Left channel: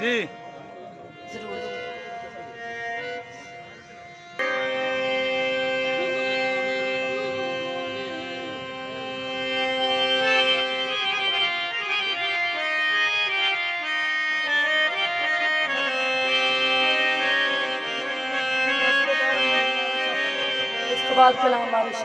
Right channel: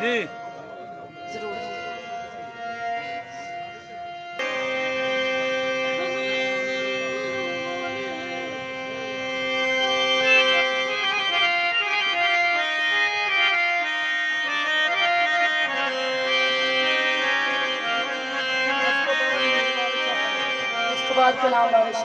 जी जरूर। इसके बाद के नाम वारिश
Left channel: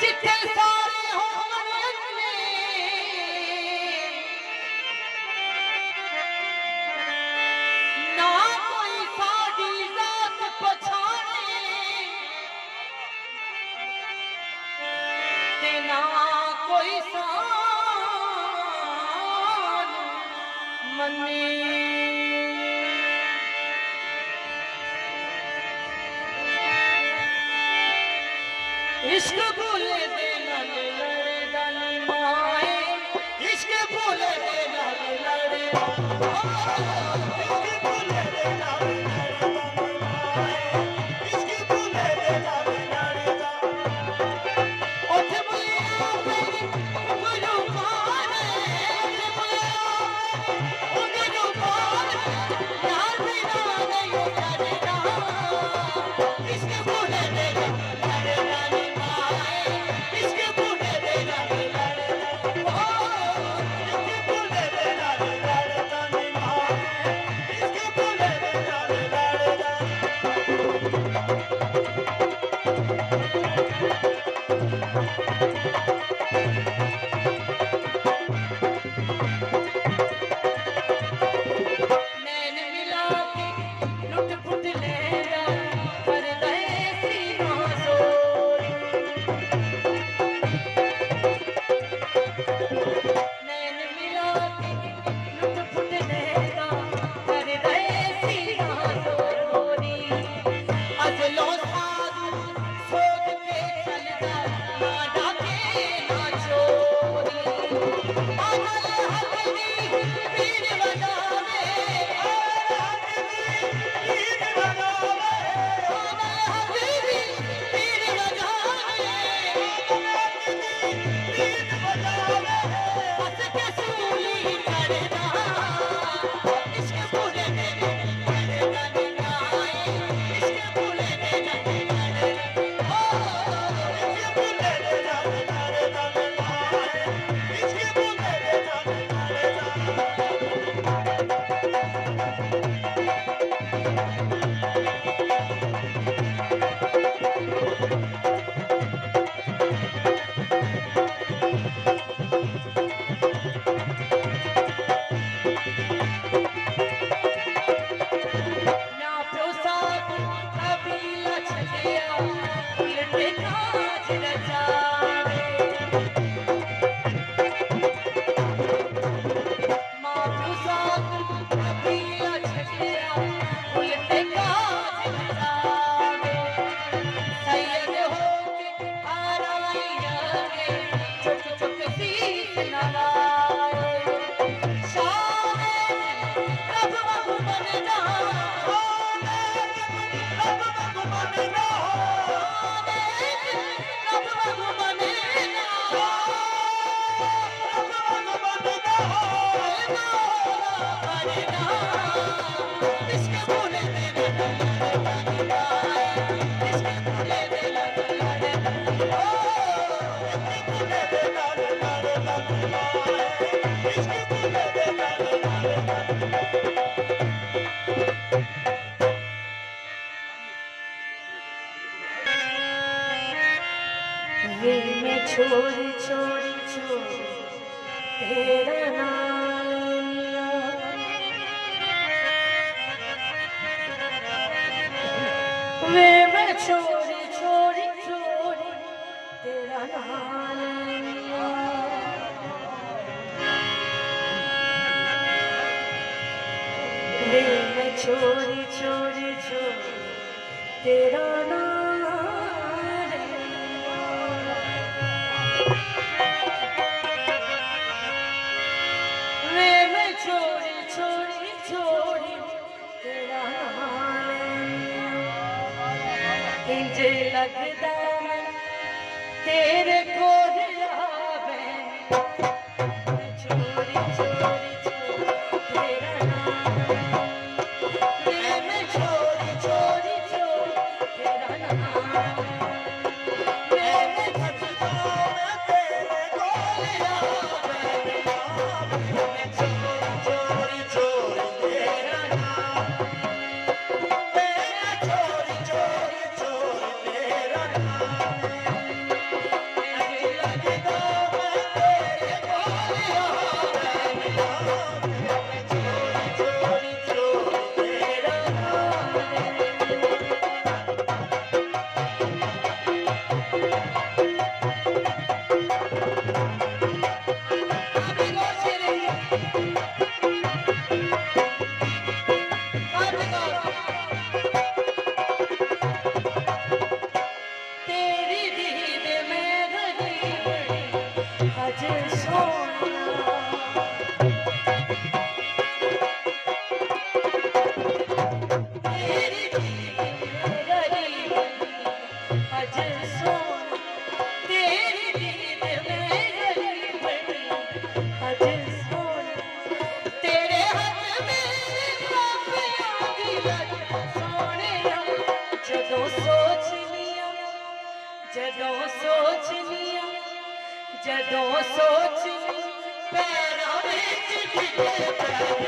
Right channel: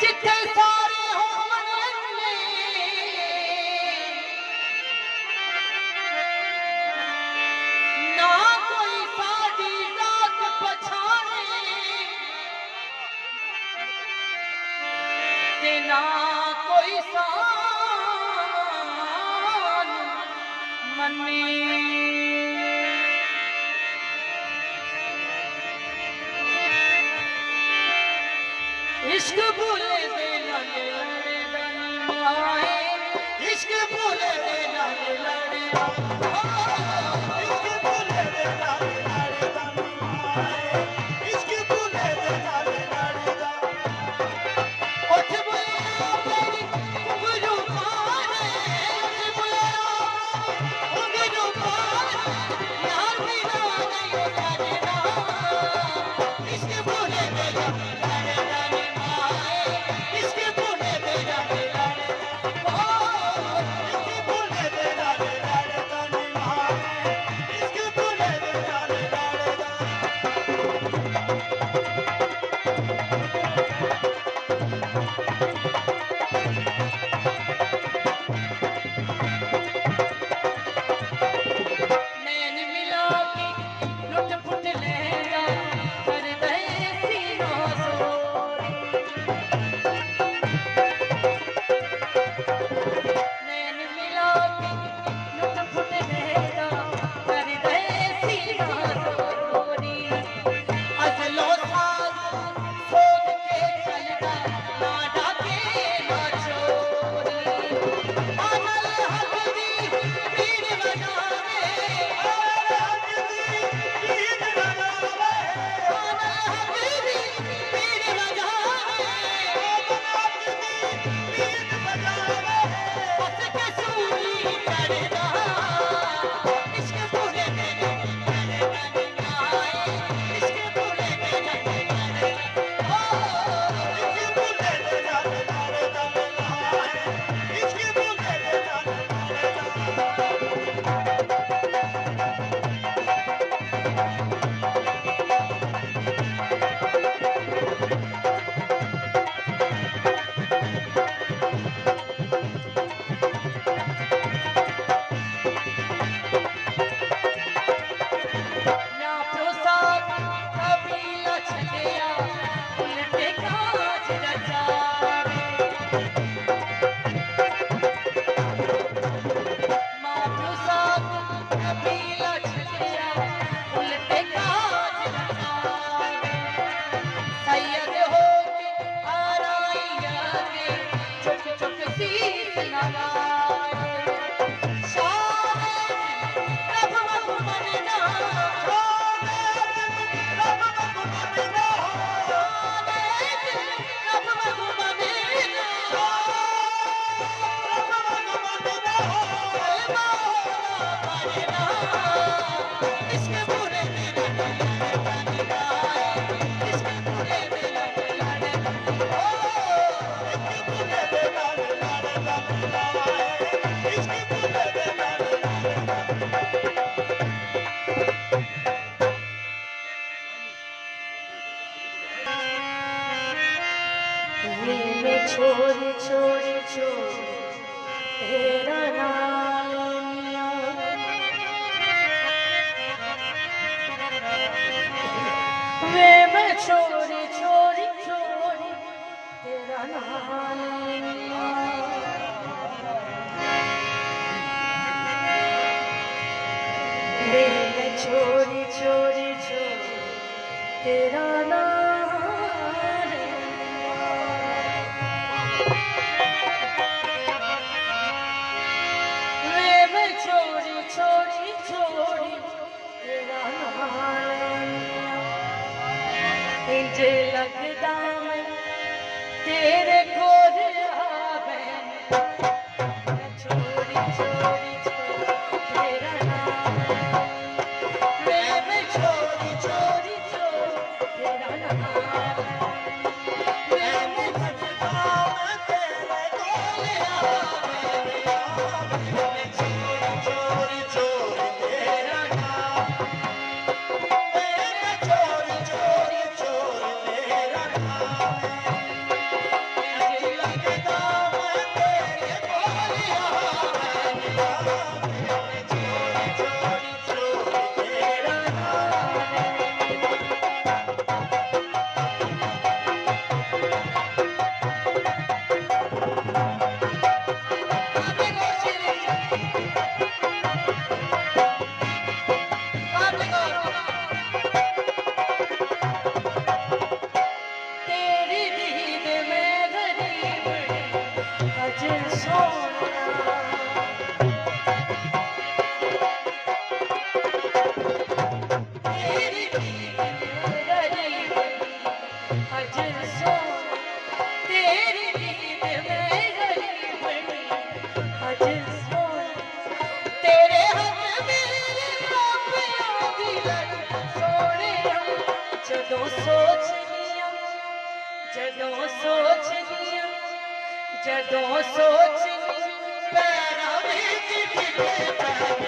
जिथे सारे हो मने ना कोई साडी जात पछाणे ते ना कोई सान मने इश्क भूले दे लड़े लड़े दानी माए इश्क भूले दे लड़े लड़े इश्क भूले दे लड़े लड़े दानी माए इश्क भूले दे लड़े लड़े उठ बुलिया मेरी गुरु पाने उठ बुलिया गुरु पाने यार बिना नहीं करना इश्क भूले दे लड़े लड़े ये मैं छोड़ छोड़ छोड़ तेरा नाम वे मैं छोड़ छोड़ छोड़ तेरा नाम वे मैं छोड़ छोड़ छोड़ तेरा नाम लगदा मैं तेरे कोल आवे मैं चोरी चोरी चोरी तेरा नाम मैं चोरी चोरी चोरी तेरा नाम मैं लगदा मैं तेरे कोल आवे मैं चोरी चोरी चोरी तेरा नाम मैं चोरी चोरी चोरी तेरा तेरी दीद में गरीब अजय सोना तेरी दीद में गरीब अजय सोना तेरी दीद में गरीब अजय सोना तेरे हाथ मेरे मापिया दी लग सोने जदों सोच लिया जदों सोच लिया जदों सोच लिया पैरां विच डिगे पैर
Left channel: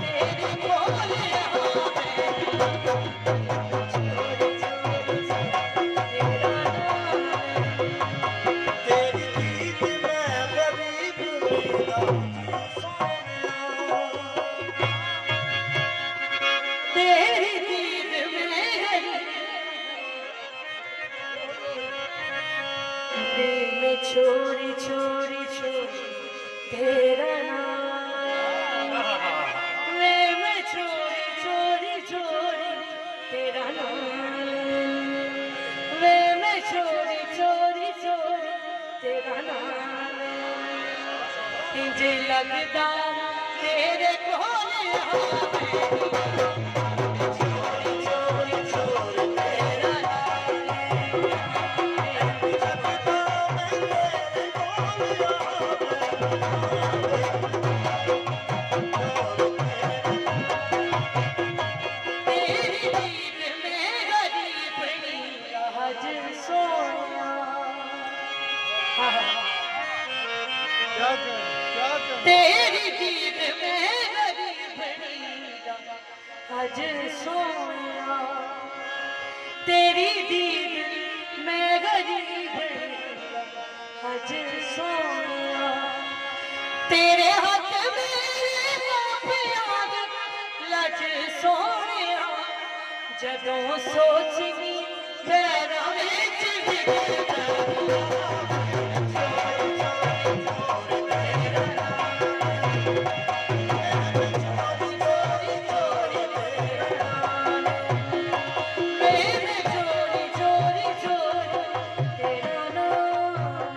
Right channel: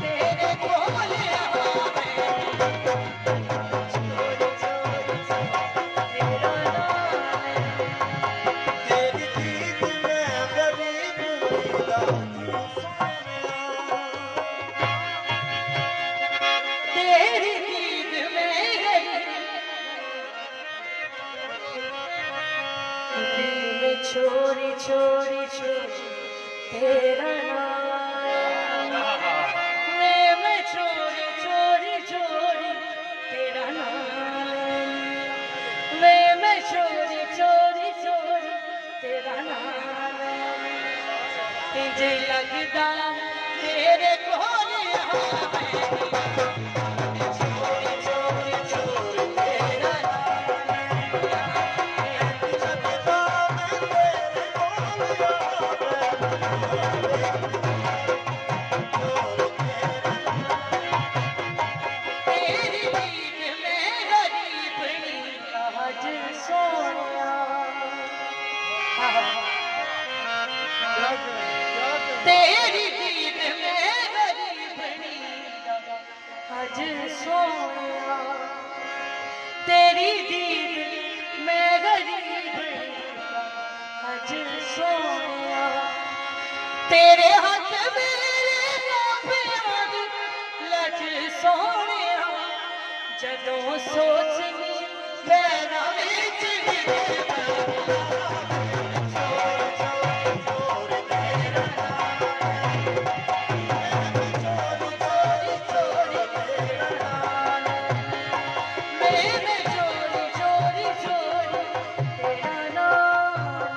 तेरे कोल आवे चोरी चोरी तेरा नाम तेरी दीद में गरीब मेरा तेरी दीद में गरीब में चोरी चोरी चोरी तेरा नाम मैं चोरी चोरी चोरी तेरा नाम मैं चोरी चोरी चोरी तेरा नाम इंज लगदा तेरे कोल आवे चोरी चोरी चोरी तेरा तेरी दीद में गरीब आज सोनिया तेरी दीद में गरीब आज सोनिया तेरी दीद में गरीब आज सोनिया तेरे हाथ मेरे मापिया दी लज सोनिया जदों सोच ली पैरां विच डिगे चोरी चोरी चोरी तेरा नाम